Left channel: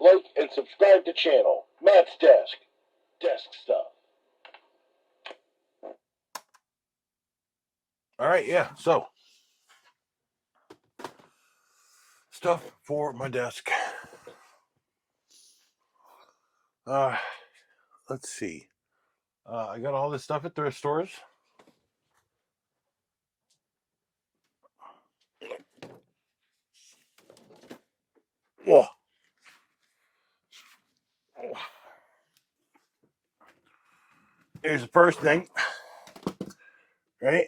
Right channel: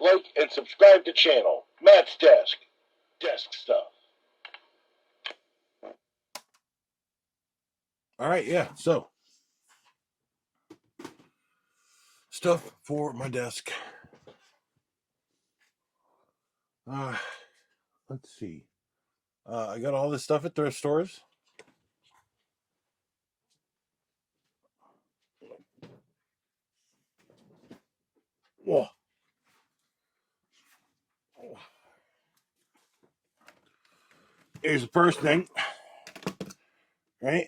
like, and subscribe to channel. Matt's Desk. Desk stuff. All right, yeah, so stuff for my desk. Let's see. I got all this stuff at thrift stores. Whoa. Here's the first thing, right?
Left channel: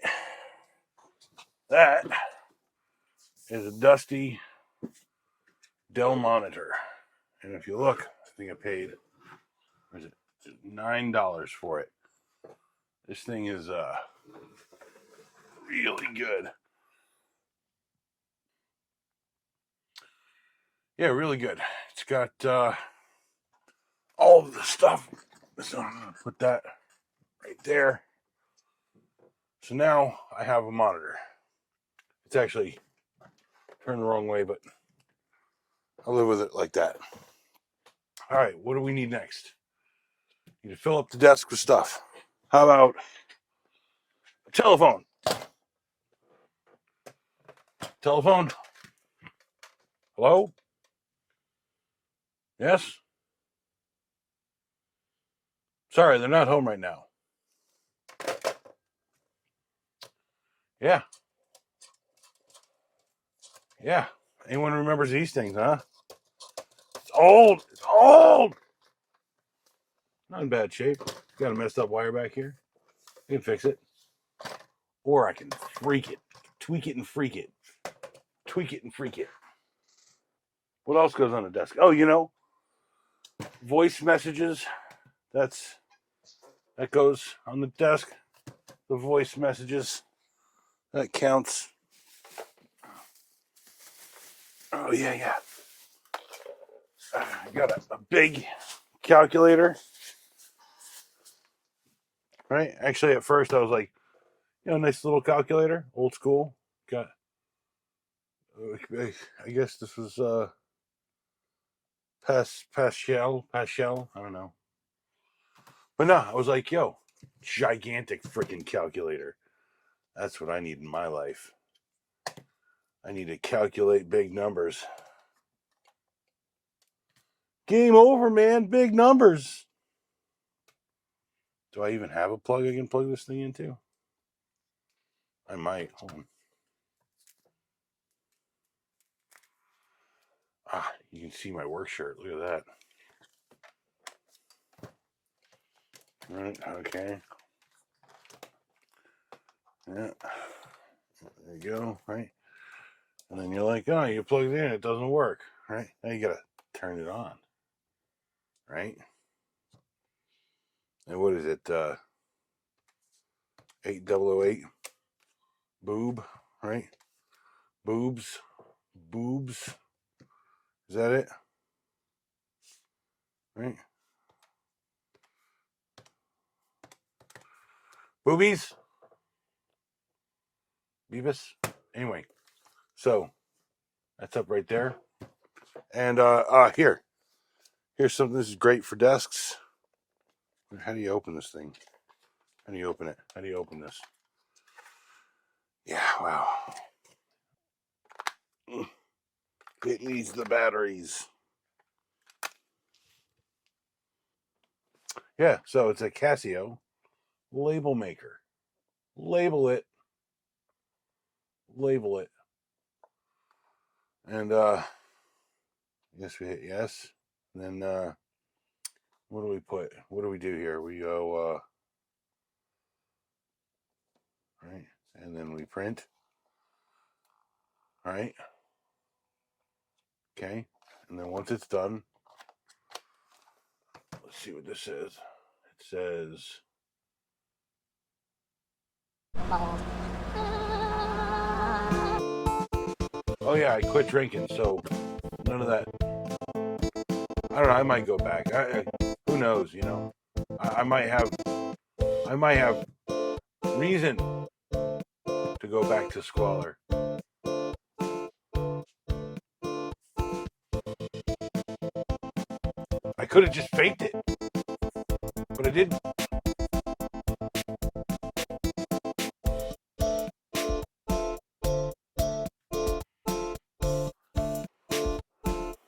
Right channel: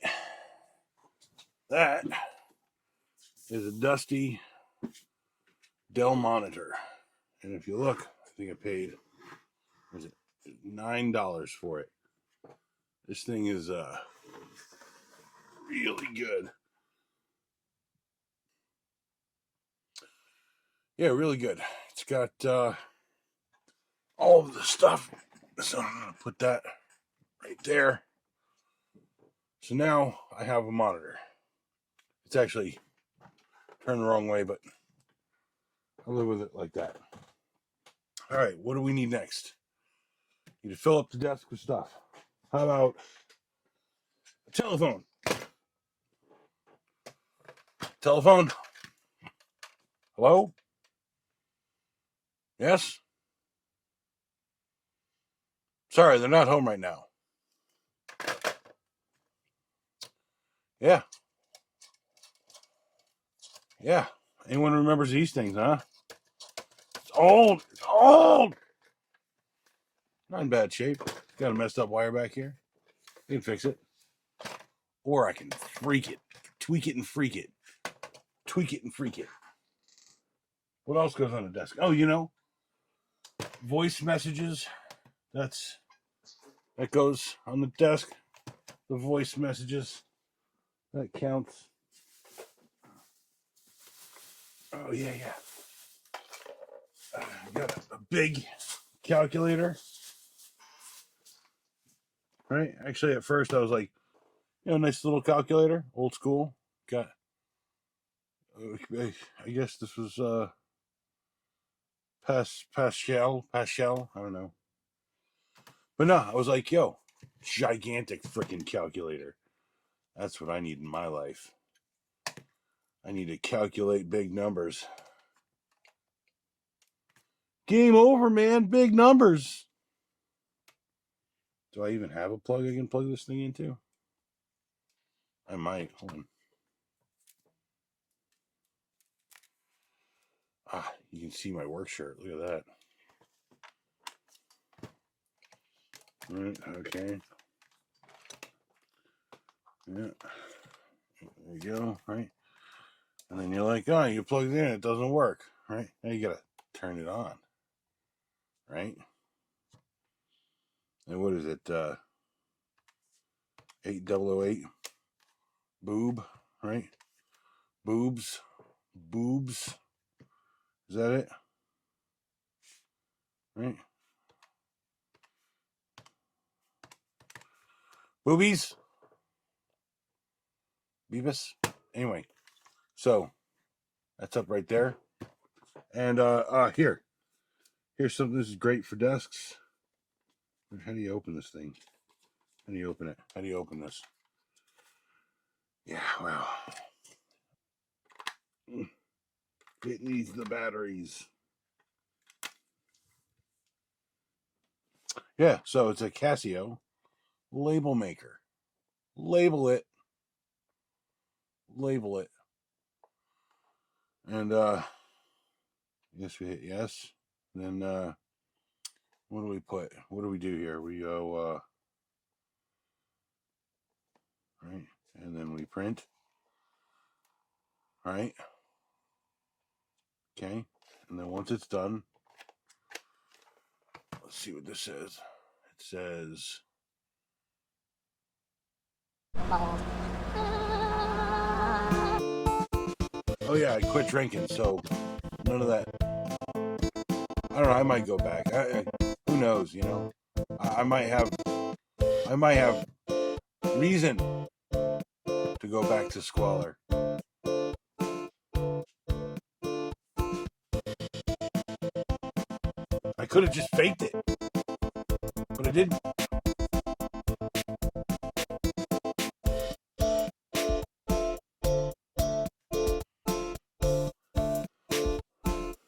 That is a dusty Dell monitor. And if you look, I think I paid, was it $9 for it. This thing is really good. Yeah, really good. It's got all of the stuff. So I'm going to put that right there. So now I have a monitor. It's actually turned the wrong way, but I'll live with it like that. All right, what do we need next? Need to fill up the desk with stuff. How about a telephone? Telephone? Hello? Yes? Sorry, they're not home right now. Yeah. Yeah. Anyone remembers these things, huh? It's old. It's old. Not in bad shape. Got a messed up wire back here. We can fix it. Or I can freak it. Tweak it and freak it. Tweak it and freak it. What else goes on the desk? Oh, you know, voice messages. That goes on the desk. The voice messages. That counts. Oh, yeah. Got a big calculator. Right? Actually, at first I was like, you know, nice little calculator. Old school. Got, I guess this was Pascal. I don't know. But no, I was like, yo, gigantic freaking calculator. That's what I need in my life. I need to calculate big numbers. Game over, man. Big numbers. Do I even have a plug I can plug this thing into? I might. Hold on. You can see my work shirt. Look at that. Right, okay. Yeah. There you go, right? And then you're like, oh, you plug it in, it doesn't work, right? Now you gotta turn it on, right? And what is it? 8008 boob, right? Boobs. Is that it? Right? Boobies? Beavis? Anyway, so that's up right there. And here's something. This is great for desks. How do you open this thing? How do you open it? How do you open this? Yeah, wow. It needs the batteries. Yeah, so it's a Casio label maker. Label it. And yes, we hit yes. And then what do we put? What do we do here? We go right, and then we print. Right. Okay. And then once it's done, let's see what this says. It says oh yeah, I quit drinking, so none of that. I don't know. I might go back. Who knows? You know, I might have reason to go back to squalor. could have just faked it, but I didn't.